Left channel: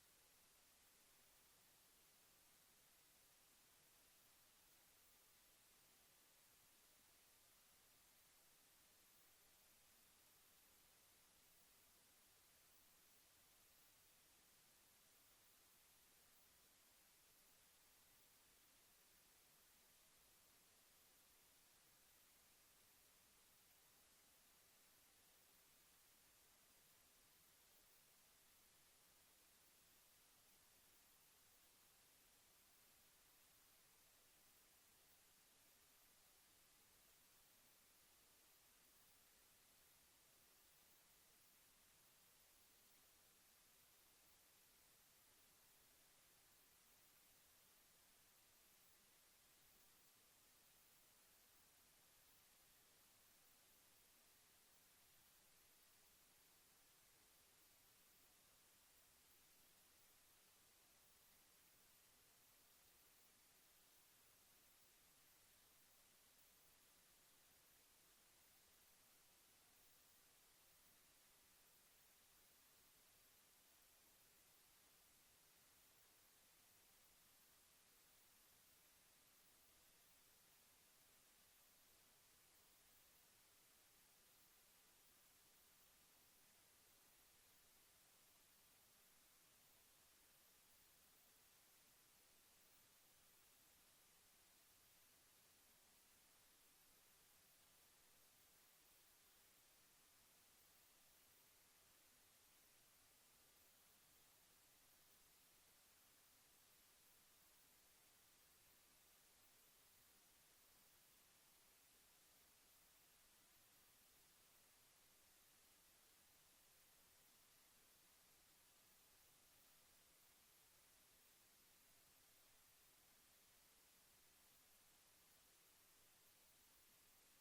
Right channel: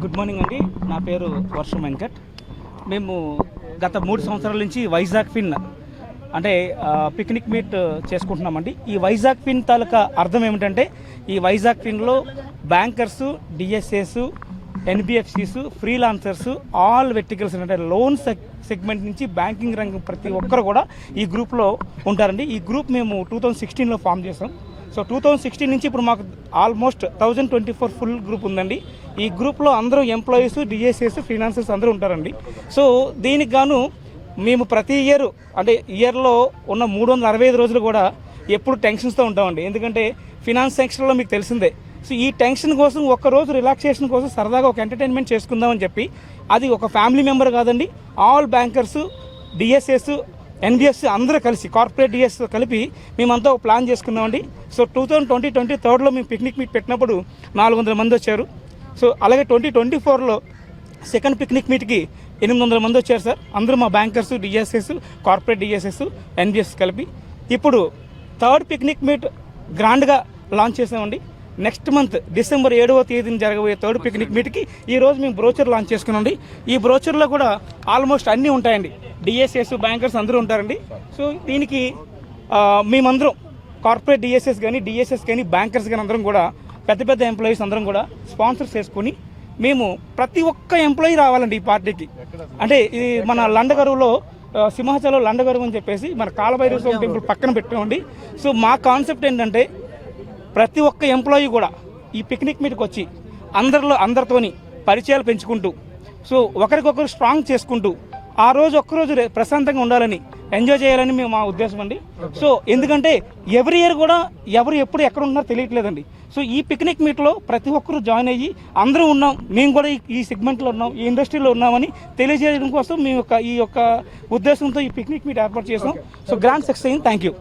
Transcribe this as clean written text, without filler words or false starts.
Good morning అండి, నా పేరు వర్షం వెంకట్. మేము గత 3 సంవత్సరాల నుంచి వైజాగ్ ఫిన్ అంటే పిక్నిక్ మీట్ చేసుకుంటున్నామండి. ఈ వైజాగ్ ఫిన్ తాలూకా అర్థం ఏమిటంటే, ఈ వైజాగ్ ఫిన్లో bankers, DSAs, NBFCs, freelancers, all verticals అంటే లోన్ సెగ్మెంట్ నుంచి బ్యాంకింగ్ రంగం ప్రతి ఒక్కరు కూడా ఈ గ్రూప్లో ఉంటారండి. ఈ గ్రూప్ మేము 2016లో ఫామ్ చేసాం. సో 2016 నుంచి ఇప్పుడు మాకు ఆల్మోస్ట్ 1024 ఫుల్ గ్రూప్ ఉందండి. ఈ గ్రూప్లో అందరూ ఎంప్లాయీస్, డిఎస్ఏస్, ఫ్రీలాన్సర్స్ అందరూ ఉంటారండి. సో దీనికి గాను మేము ప్రతి ఇయర్ అంటే ఇయర్లో ఉన్న 365 రోజులు కూడా ఎప్పుడు టెన్షన్స్తో ఉంటామండి. ఎందుకంటే ఫినాన్స్ సెక్షన్లో మీకు తెలిసిందే. సో ఈ టెన్షన్ కోసం ఒక్కరోజు రిలాక్సేషన్ కోసం సరదాగా ఒక ఎంటర్టైన్మెంట్ చేసుకుందామని చెప్పి, అది ఒక ఫ్యామిలీ మెంబర్ కాదండి, ఆల్ బ్యాంకర్స్, డిఎస్ఎస్, ఎన్బిఎఫ్సి అందరూ కలిసి, కార్పొరేట్ డిఎస్ కలిపి మేమంతా ఒక ప్లాన్ చేసుకున్నామండి. సో 2023లో మేము పిక్నిక్ మీట్ పెట్టినప్పుడు 400 మంది వచ్చారు. సో అలాగే 2024లో సెకండ్ పిక్నిక్ మీట్కి 800 మంది వచ్చారు సార్. అందరూ మా bankers, DSS, corporate DSS, NBFC కలిపి. ఇప్పుడు థర్డ్ పిక్నిక్ మీట్ గ్రాండ్గా లాంచ్ చేసామండి. నెక్స్ట్ మంత్ డిసెంబర్ 7వ తేదీన జరగబోయే థర్డ్ పిక్నిక్ మీట్కి ఈరోజు మేము బ్రోచర్ లాంచ్ చేసుకున్నాండి. ఈ బ్రోచర్లో కూడా ఆల్మోస్ట్ అన్నీ ఉంటాయండి. డిఎస్ఎస్, బ్యాంకర్స్ అందరూ ఉంటారండి. సో దీనికి మేమందరం కార్పొరేట్ డిఎస్ఎస్ కానీ, డిఎస్ఎస్ కానీ, బ్యాంకర్స్ కానీ అందరం కూడా పెద్ద పెద్ద ఎంప్లాయీస్ అందరం కూడా స్పాన్సర్స్ చేసుకొని మేము ప్రతి ఒక్క ఎంప్లాయీ రావాలండి ఈ పార్టీకి. అంటే ఇది మన లండగరువులో సింహాచలం లండగరువు అని చెప్పేసి మన కాలభైరవ స్వామి టెంపుల్ పక్కన పెట్టామండి. సో మా కాన్సెప్ట్ ఏంటంటే, ప్రతి ఒక్క ఎంప్లాయీ కూడా ఈ పిక్నిక్ మీట్కి వచ్చి అందరితోని పరిచయాలు పెంచుకుంటూ, సో ఒకరికొకరు స్ట్రాంగ్ చేసుకుంటూ, ఆ రోజు ఒక్కరోజు ప్రశాంతంగా ఉండాలని, ఎంజాయ్ చేయాలని మేము మా ఉద్దేశం అండి. సో ఎందుకంటే ఎవ్రీ ఇయర్ కూడా ఎవరు ఎప్పుడు ఎక్కడ ఉన్నారో తెలియట్లేదండి. సో ఈ పిక్నిక్ మీట్లో ప్రతి ఒక్కరు జాయిన్ అయ్యి అందరూ ఉన్నాం, మేము కూడా ఈ సెగ్మెంట్లో ఉన్నాం, ఈ ఇండస్ట్రీలో ఉన్నామని తెలియజేయడం కోసం మేము ఈ యొక్క ఉద్దేశంతో ఈ పిక్నిక్ మీట్ ఏర్పాటు చేసాం. సో గ్రాండ్ సక్సెస్ అయింది. Thank you.